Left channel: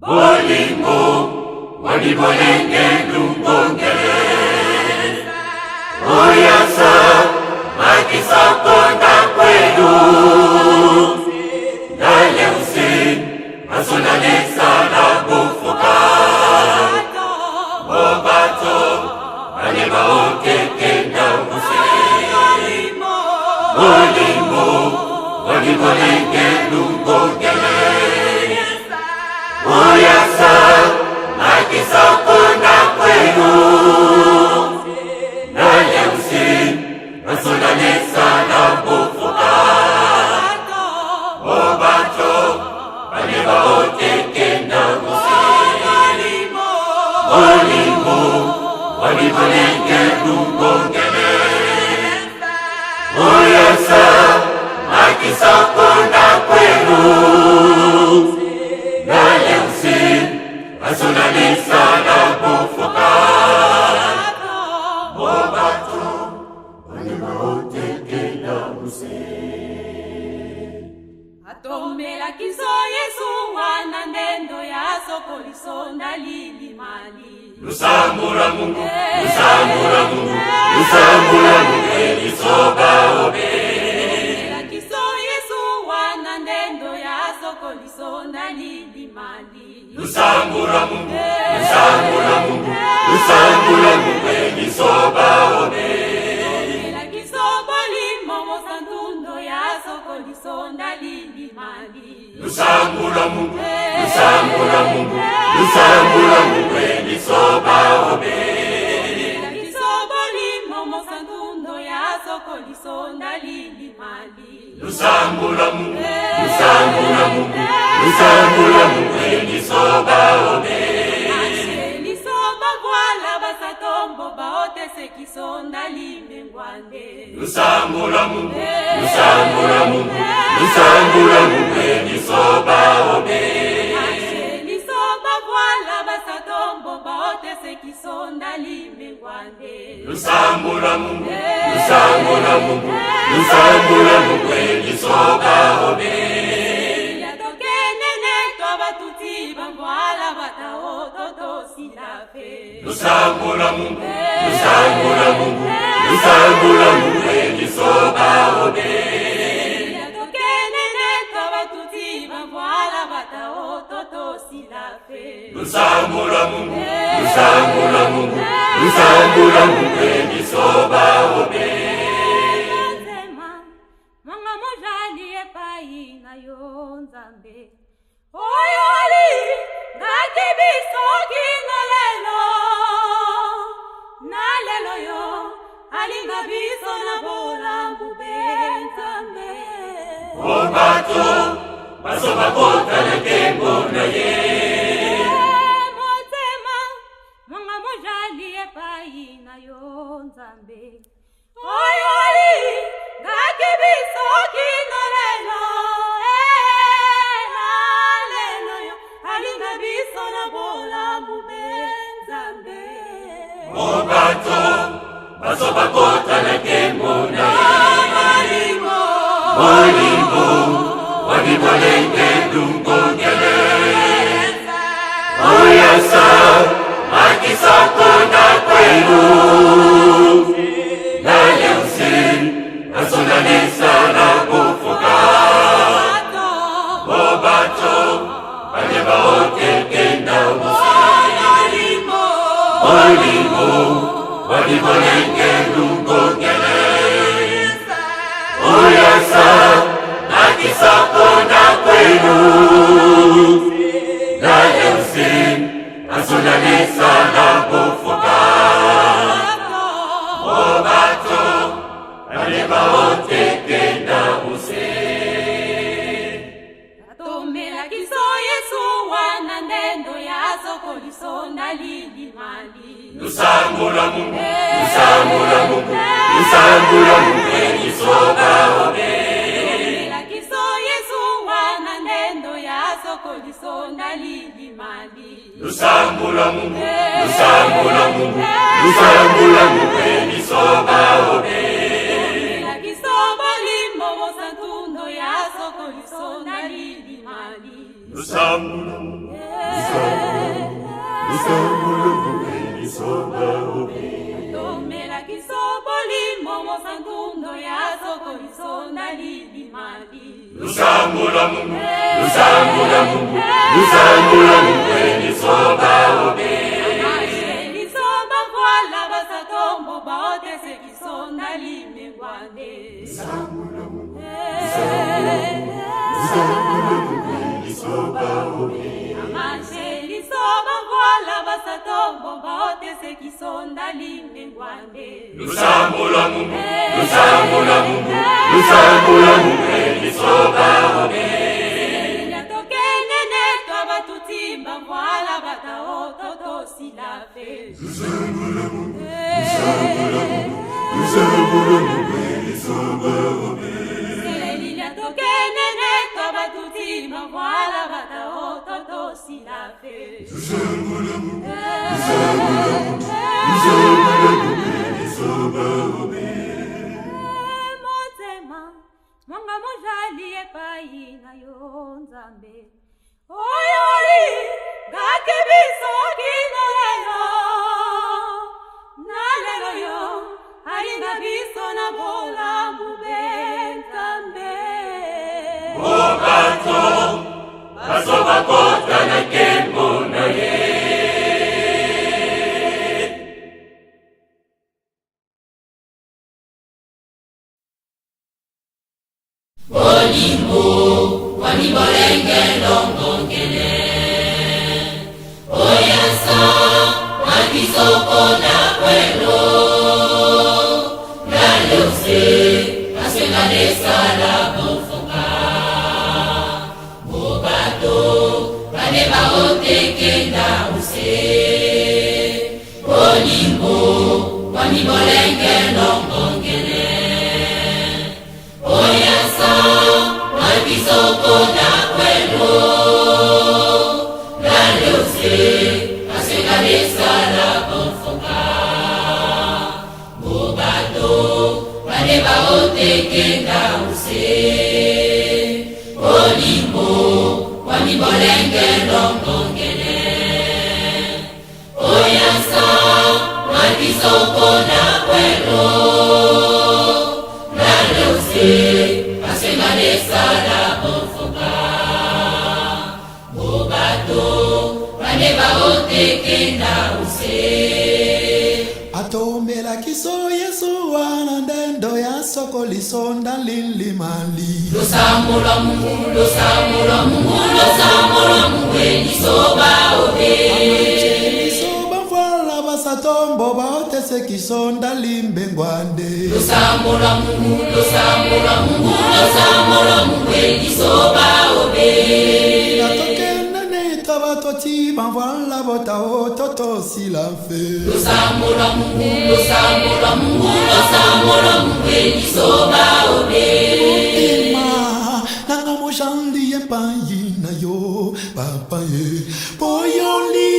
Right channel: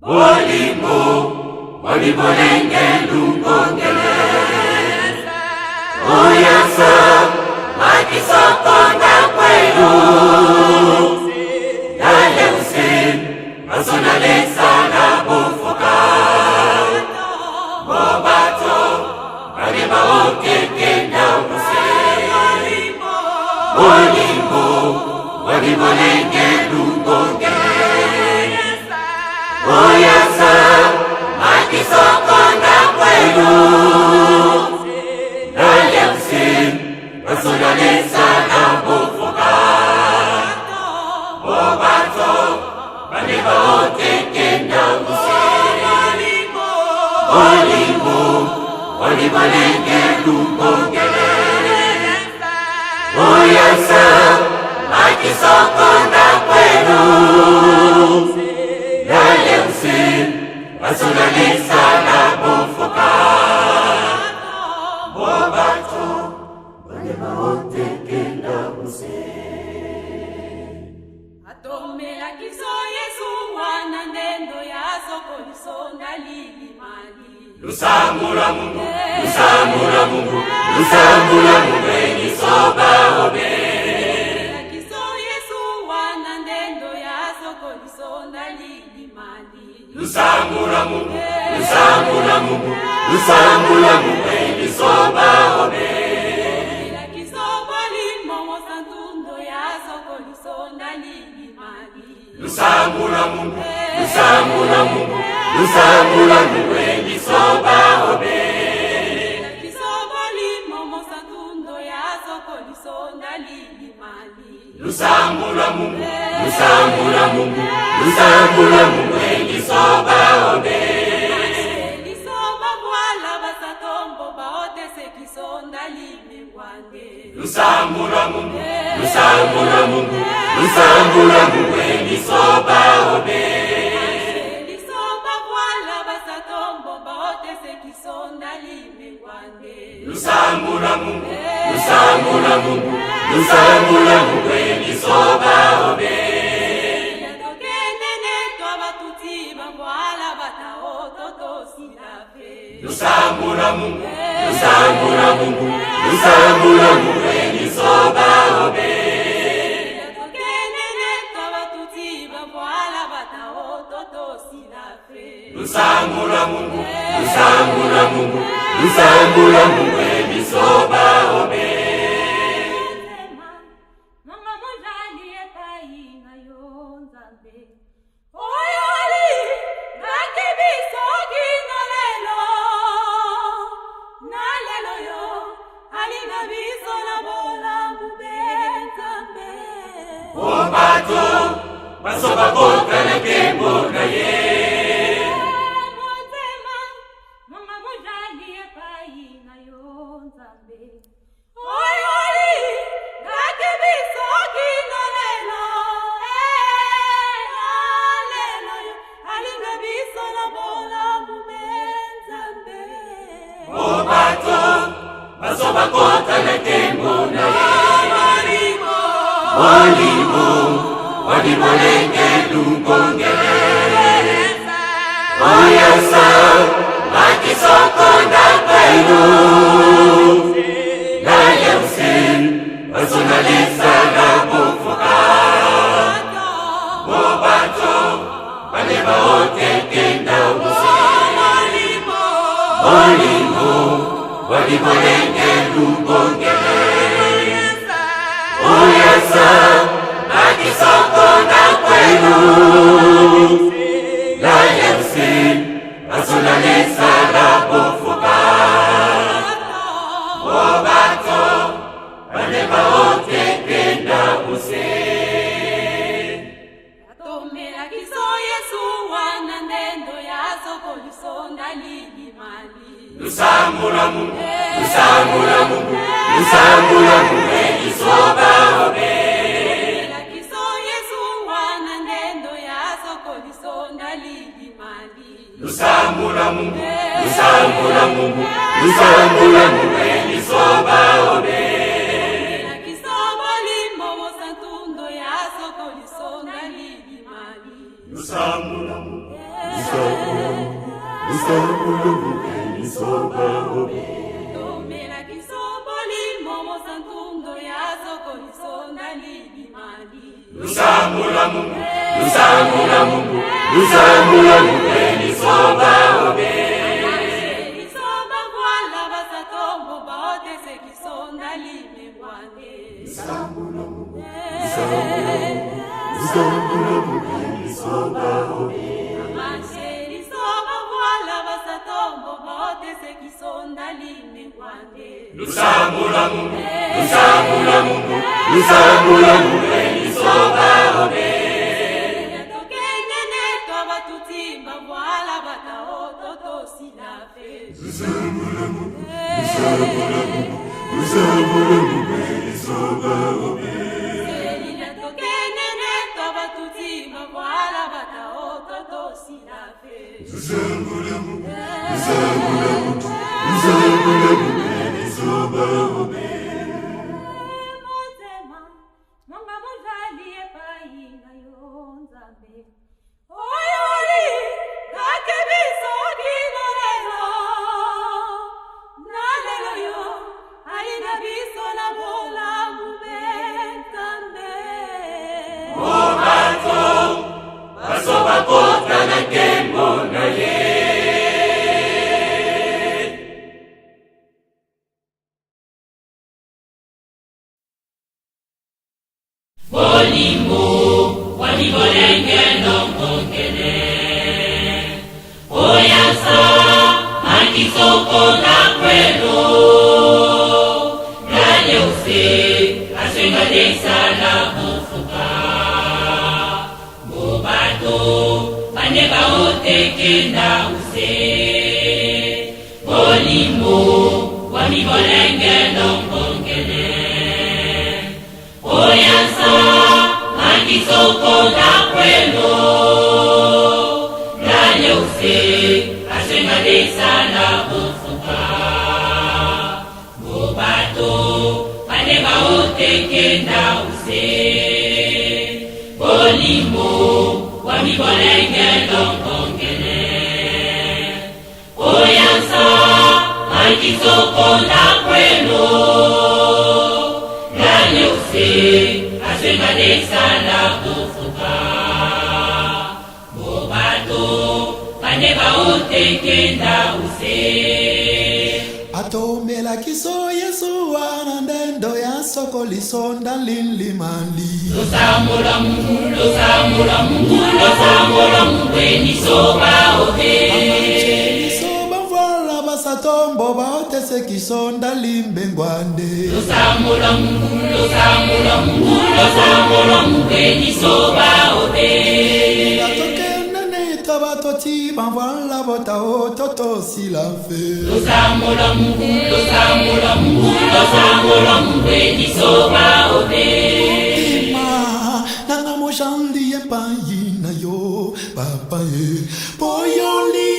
Bolingo, wabibolinge lungongele. Uyasa, nakisa konda kwelu. Naye usin, rasunalisa na bufuka. Mobato, alima oke kenda usin. Bolingo, wabibolinge lungongele. Uyasa, nakisa konda kwelu. Naye usin, rasunalisa na bufuka. Mobato, alima oke kenda usin. Bolingo, wabibolinge lungongele. Uyasa, nakisa konda kwelu. Naye usin, rasunalisa na bufuka. Mobato, alima oke kenda usin. Atomela kiso Yesu wana ndendo ya soko lisonda lili mali. Lusambura Mungu, lusambura Mungu, lusambura Mungu elisoba obe. Atomela kiso Yesu wana ndendo ya soko lisonda lili mali. Lusambura Mungu, lusambura Mungu, lusambura Mungu elisoba obe. Atomela kiso bolimo mosantundo ya soko lisonda lili mali. Lusambura Mungu, lusambura Mungu, lusambura Mungu elisoba obe. Atomela kiso bolimo mosantundo ya soko lisonda lili mali. Lusambura Mungu, lusambura Mungu, lusambura Mungu elisoba obe. Lisoba voila basatombo baote sekisonda limengwande. Lusambura Mungu, lusambura Mungu, lusambura Mungu elisoba obe. Lisoba voila basatombo baote sekisonda limengwande. Lusambura Mungu, lusambura Mungu, lusambura Mungu elisoba obe. Yatokenene kwa batuti bagwala bataototo silafe. Lusambura Mungu, lusambura Mungu, lusambura Mungu elisoba obe. Yatokenene kwa batuti bagwala bataototo silafe. Lusambura Mungu, lusambura Mungu, lusambura Mungu elisoba obe. Mama mujali epai na yo nzambe. Oyoli ngake biso kino lelo. Na lelo yo alinga biso na bola mubenzambe. Mobato, basoba kota na kembo na ye. Motema mama mujali epai na yo nzambe. Oyoli ngake biso kino lelo. Lelo yo alinga biso na bola mubenzambe. Mobato, basoba kota na kembo na ye. Bolingo, wabibolinge lungongele. Uyasa, nakisa konda kwelu. Naye usin, rasunalisa na bufuka. Mobato, alima oke kenda usin. Bolingo, wabibolinge lungongele. Uyasa, nakisa konda kwelu. Naye usin, rasunalisa na bufuka. Mobato, alima oke kenda usin. Atomela kiso Yesu wana ndendo ya soko lisonda lili mali. Lusambura Mungu, lusambura Mungu, lusambura Mungu elisoba obe. Atomela kiso Yesu wana ndendo ya soko lisonda lili mali. Lusambura Mungu, lusambura Mungu, lusambura Mungu elisoba obe. Atomela kiso bolimo mosantundo ya soko lisonda lili mali. Lusambura Mungu, Lusambula mube lisoba obe. Tomela kisoboli momo santundo ya soko lisonda lilimali. Lusambula mube, lusambula mube, lusambula mube lisoba obe. Amashe lisoba kwala basatombo baote se kisonda limengwane. Lusambula mube, lusambula mube lisoba obe. Amashe lisoba kwala basatombo baote se kisonda limengwane. Lusambula mube, lusambula mube, lusambula mube lisoba obe. Natokenene toba tutimba voila bata ototo silafe. Lusambula mube, lusambula mube, lusambula mube lisoba obe. Natokenene toba tutimba voila bata ototo silafe. Lusambula mube, lusambula mube, lusambula mube lisoba obe. Motema, monga mojali epai na yo nzambe. Oyoli, gake biso gino lelo. Na lelo yo, alinga biso na bola mube nzambe. Baso bakotra na kembo na ye. Olimbo, walibolenge ndongongele. Oyasa, makisoko na kwelo. Nale use, asengalesa la hofuka. Mobato, baneba oteke na use. Olimbo, walibolenge ndongongele. Oyasa, makisoko na kwelo. Nale use, asengalesa la hofuka. Mobato, baneba oteke na use. Olimbo, wamibolenge ndongongele. Oyasa, makisoko na kwelo. Nale use, asengalesa la hofuka. Mobato, baneba oteke na use. Atomela kiso Yesu wana ndendo ya soko lisonda lilimali. Lusambula Mungu, lusambula Mungu, lusambula Mungu lisoba obe. Amache lisoba voila basatombo baote se kisonda limbengwande. Lusambula Mungu, lusambula Mungu, lusambula Mungu lisoba obe. Natokenene tabatoti banvoila bota ototo silafe. Lusambula Mungu, lusambula Mungu, lusambula Mungu lisoba obe. Mutima nanga mojandi epai na yo papa ye. Poyoli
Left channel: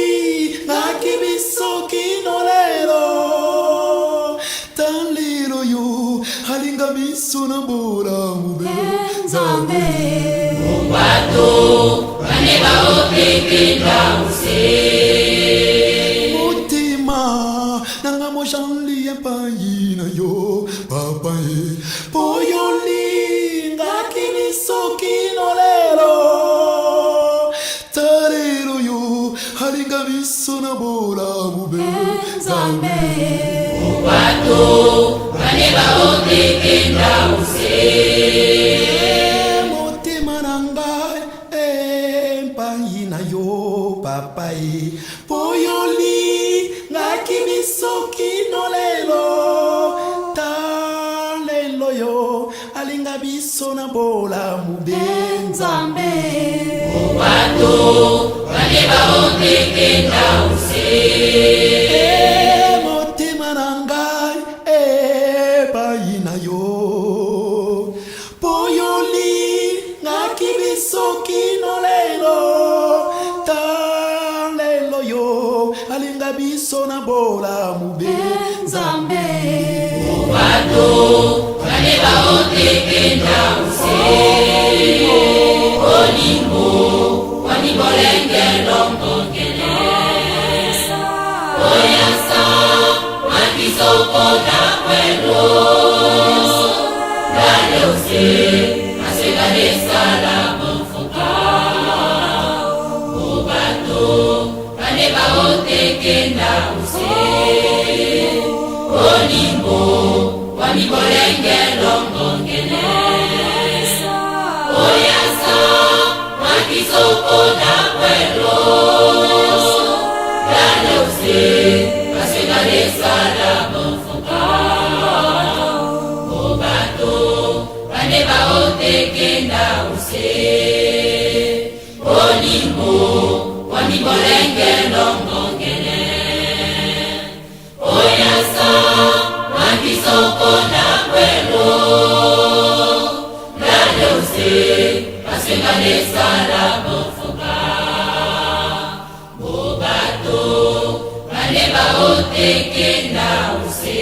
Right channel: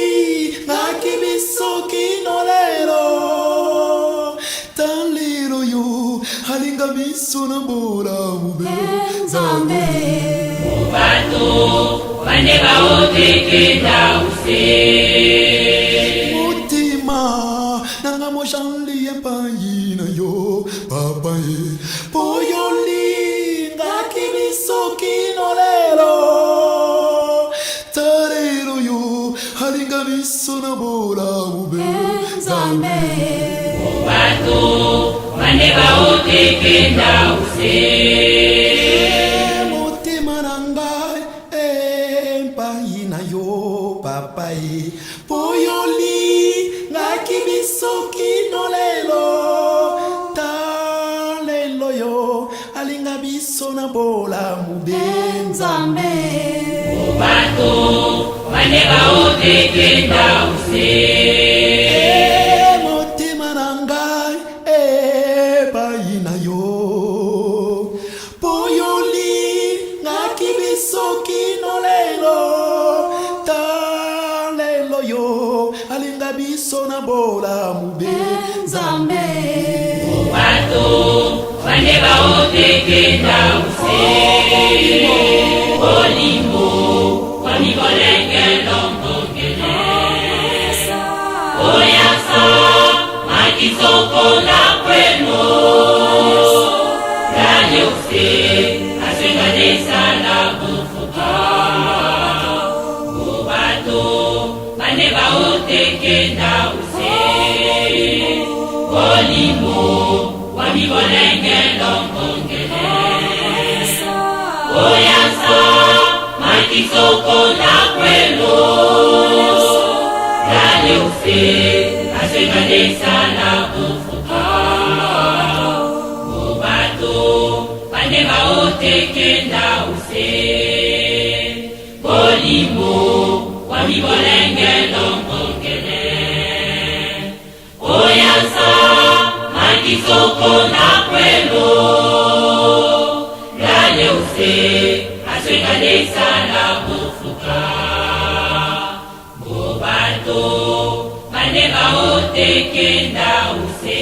nakibiso kinolero. Talero yo halinga biso na bora mube zambe. Mobato, baneba oteke na use. Mutima nanga mojandi epai na yo papa ye. Poyoli ngakibiso kinolero. Talero yo halinga biso na bora mube zambe. Mobato, baneba oteke na use. Mutima nangai epai na yo papa ye. Poyoli ngakibiso kinolelo. Talelo yo alinga biso na bola mube nzambe. Mobato, baneba oteke na use. Mutima nangai epai na yo. Poyoli ngakibiso kinolelo. Talelo yo alinga biso na bola mube nzambe. Mobato, baneba oteke na use. Olimbo, wamibolenge ndongo. bane baotekenda use olimbo wamibolenge longongele oyasa makisoko na kwelo lale use asengalesa la bofuka obato bane baotekenda use olimbo wamibolenge longongele oyasa makisoko na kwelo lale use asengalesa la bofuka obato bane baotekenda use